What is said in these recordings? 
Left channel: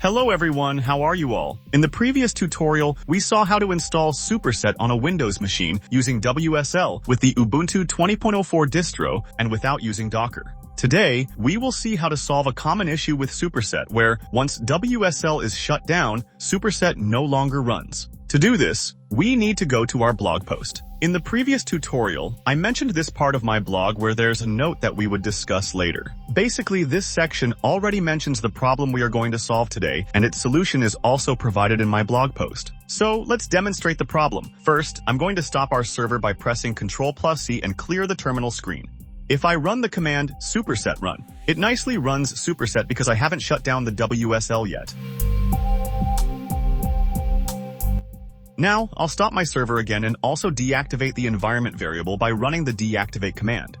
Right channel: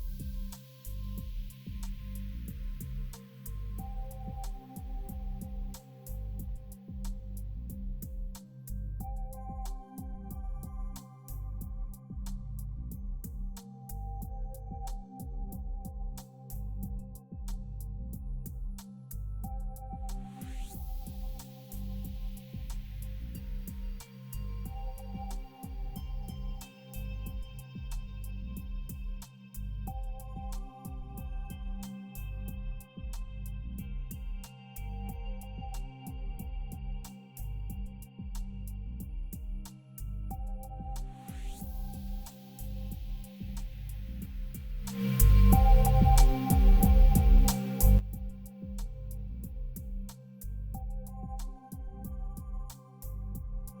Hello everyone, how are you all? In the previous tutorial, we saw how to install Superset on a Windows machine using WSL with the Ubuntu 20.04 distro and without using Docker. Today, we will see how to solve a common issue with Superset where, once WSL is shut down, Superset no longer runs. To do this, we need to go to our blog post. In the previous tutorial, I mentioned this part of my blog where there's a note that we would discuss later. Basically, this section already mentions the problem we are going to solve today, and its solution is also provided in my blog post. So let's demonstrate the problem. First, I'm going to stop our server by pressing Ctrl+C and clear the terminal screen. If I run the command superset run, it nicely runs Superset because I haven't shut down the WSL yet. Now, I'll stop my server again and also deactivate the environment variable by running the deactivate command.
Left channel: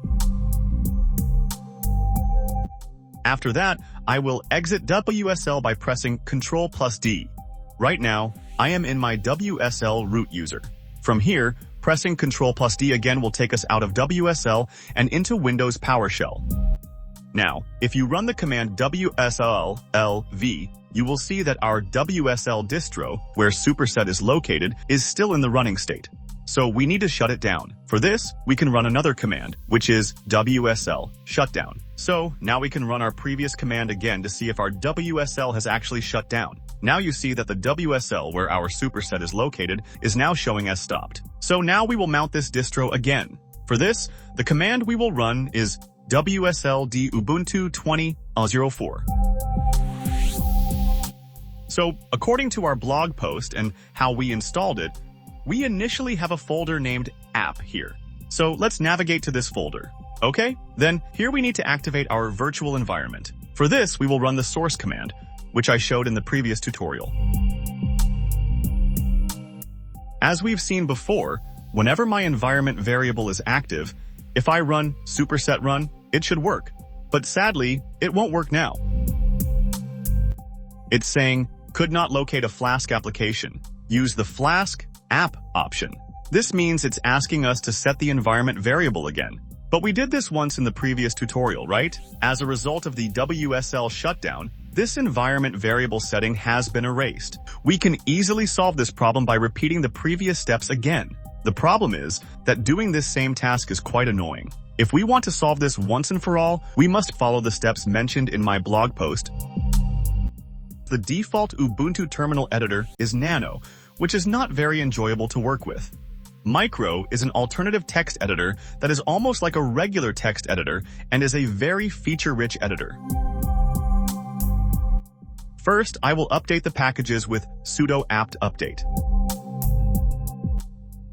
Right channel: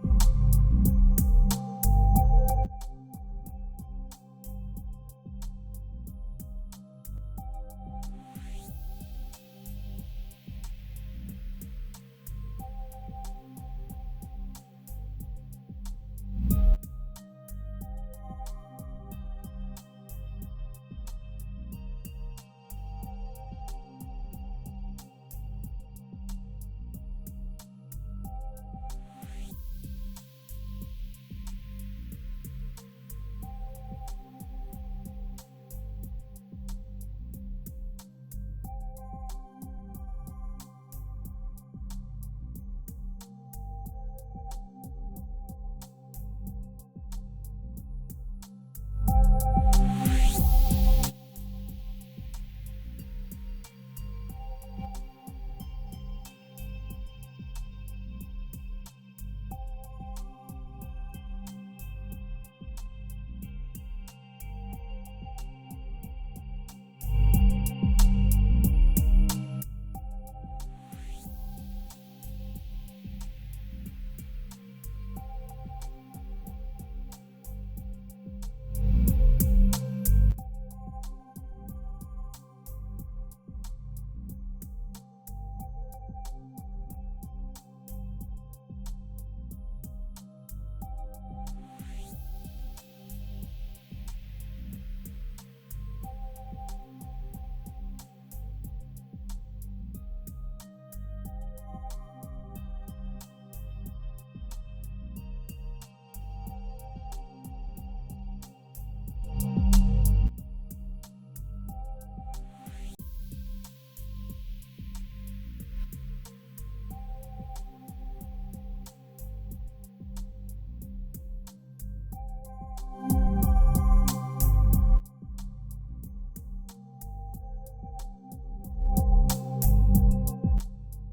After that, I will exit WSL by pressing Ctrl+D. Right now, I am in my WSL root user. From here, pressing Ctrl+D again will take us out of WSL and into Windows PowerShell. Now, if you run the command WSL-LV, you will see that our WSL distro, where Superset is located, is still in the running state. So we need to shut it down. For this, we can run another command, which is WSL Shutdown. So now we can run our previous command again to see if our WSL has actually shut down. Now you see that the WSL, where our Superset is located, is now showing as stopped. So now we will mount this distro again. For this, the command we will run is WSL-D Ubuntu 20.04. So, according to our blog post and how we installed it, we initially have a folder named app here. So let's navigate to this folder. Okay, then here we need to activate our virtual environment. For this, we will run the source command, which I showed in the previous tutorial. As we've seen before, whenever my environment variable is active, if I run superset run, it should work. But sadly, it won't work now. It's saying, could not locate a Flask application. Use the Flask app option. This means it's asking us to set the environment variable again. But we did this once in the previous tutorial, right? As a result of the WSL shutdown, this environment variable setting has been erased. We can easily solve this problem by repeating the previous steps again. The problem is that doing this same task is quite annoying. If we want to solve this once and for all, we must follow the steps mentioned in my blog post. The default Ubuntu terminal editor is Nano, which is not very enjoyable to work with. Micro is an alternative text editor that is almost like a regular text editor and is a very feature-rich editor. First, I will update the packages with sudo apt update.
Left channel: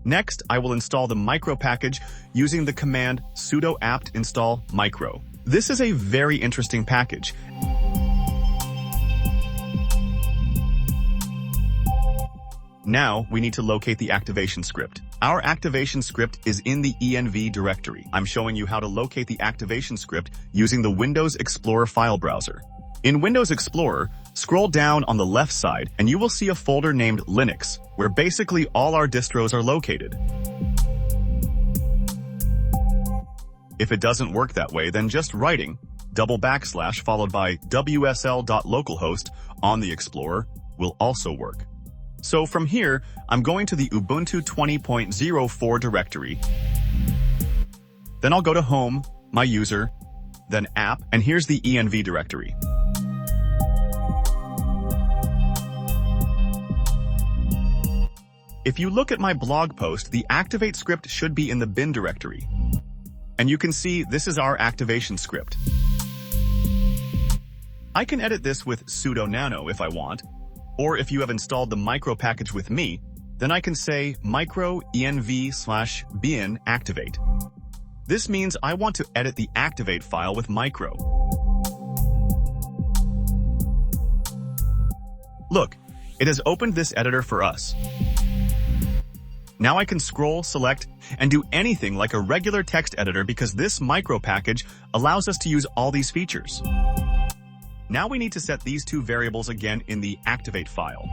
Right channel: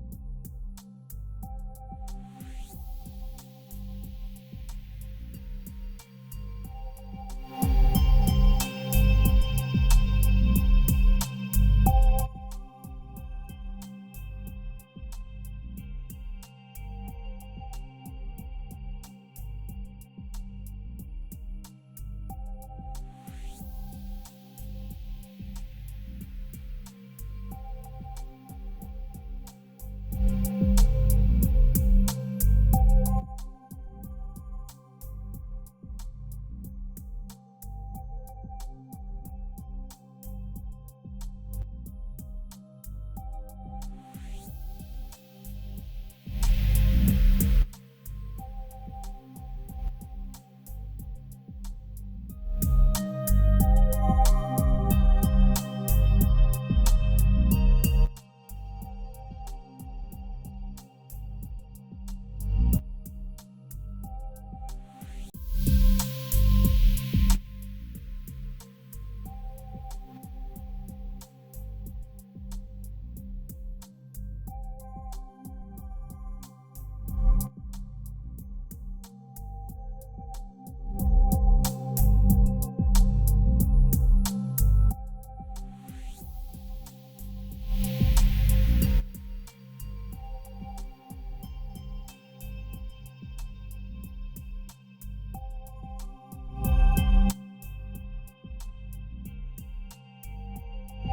Next, I will install the micro package using the command sudo apt install micro. This is a very interesting package. Now, we need to locate the activation script. Our activation script is in the env directory. I'm showing you how to locate the activation script using the Windows Explorer file browser. In Windows Explorer, scroll down on the left side and you will see a folder named Linux, where basically all our distros are located. If it doesn't work that way, then just writing // followed by wsl.localhost on the Explorer will also work. So from here, I'm going to the Ubuntu 20.04 directory. Then I'll go to Home, My User, then App, and here's the env directory. If you look at my blog post, the activate script should be in the bin directory. And you can see this is our activation script. I can edit this with sudo nano if I want, or if you have installed the micro package with me, then I can say micro env/bin activate. This means I want to edit the activate file with micro. Look, it has opened this editor for us. Now I can scroll, select, and do anything like a regular text editor because this micro package allows us to use all these features. Now we need to set these two variables again in the activate file.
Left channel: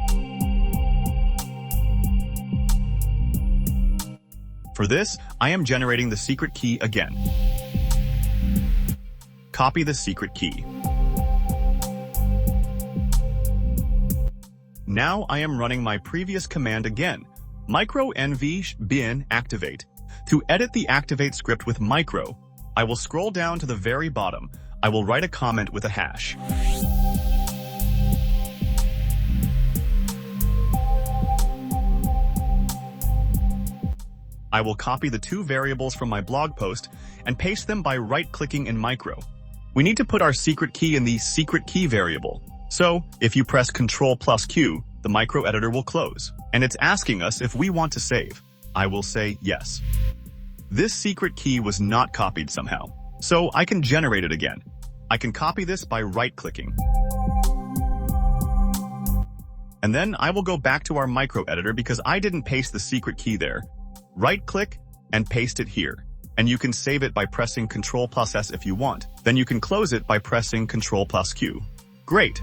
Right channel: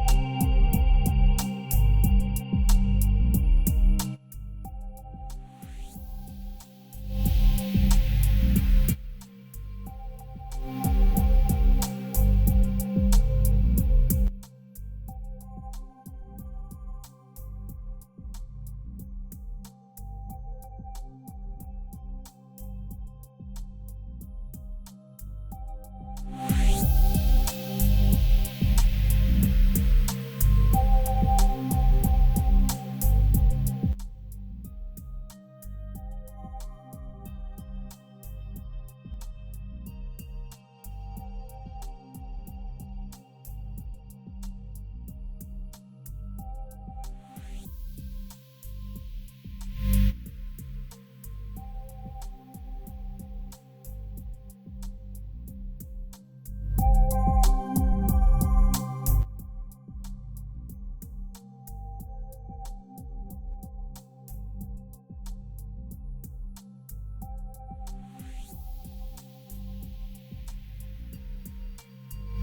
For this, I am generating the secret key again. Copy the secret key. Now I am running my previous command again, micro nv bin activate. To edit the activate script with micro, I will scroll down to the very bottom. I will write a comment with a hash. I will copy the two variables from my blog post and paste them by right-clicking in micro. We need to put our secret key in the secret key variable. So, if you press Ctrl+Q, the micro editor will close. And it's asking us if we want to save. I will say yes. This secret key was not copied somehow, so I can generate it again. I can copy this by right-clicking. And then I will go back to our micro editor because I didn't paste the secret key there. Right-click and paste it here. And you can save it by pressing Ctrl+S if you want. Then you can close it by pressing Ctrl+Q. Great!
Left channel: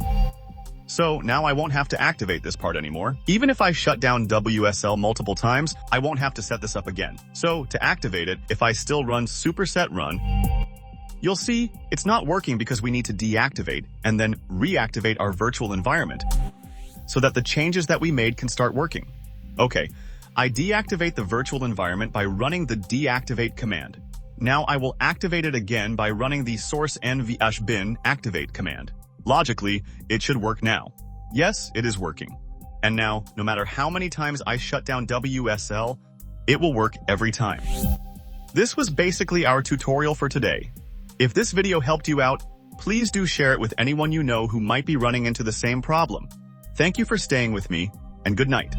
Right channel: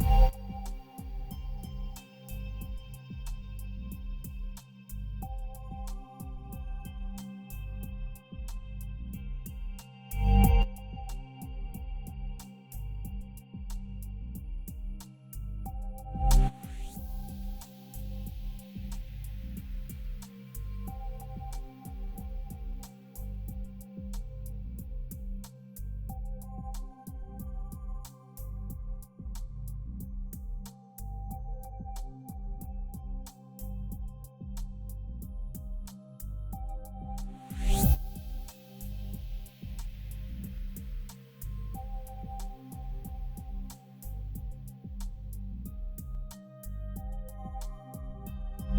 So now I won't have to activate this part anymore. Even if I shut down WSL multiple times, I won't have to set this up again. So to activate it, if I still run Superset run, you'll see it's not working because we need to deactivate and then reactivate our virtual environment so that the changes that we made can start working. Okay, I deactivate the virtual environment by running the deactivate command. Now I will activate it again by running the source nv-bin activate command. Logically, it should work now. Yes, it is working. And now, no matter how many times I shut down WSL, it will work every time. This was basically our tutorial for today. If this video helped you out, please do share it with anyone you know who might be running into the same problem. Thank you for staying with me, and good night.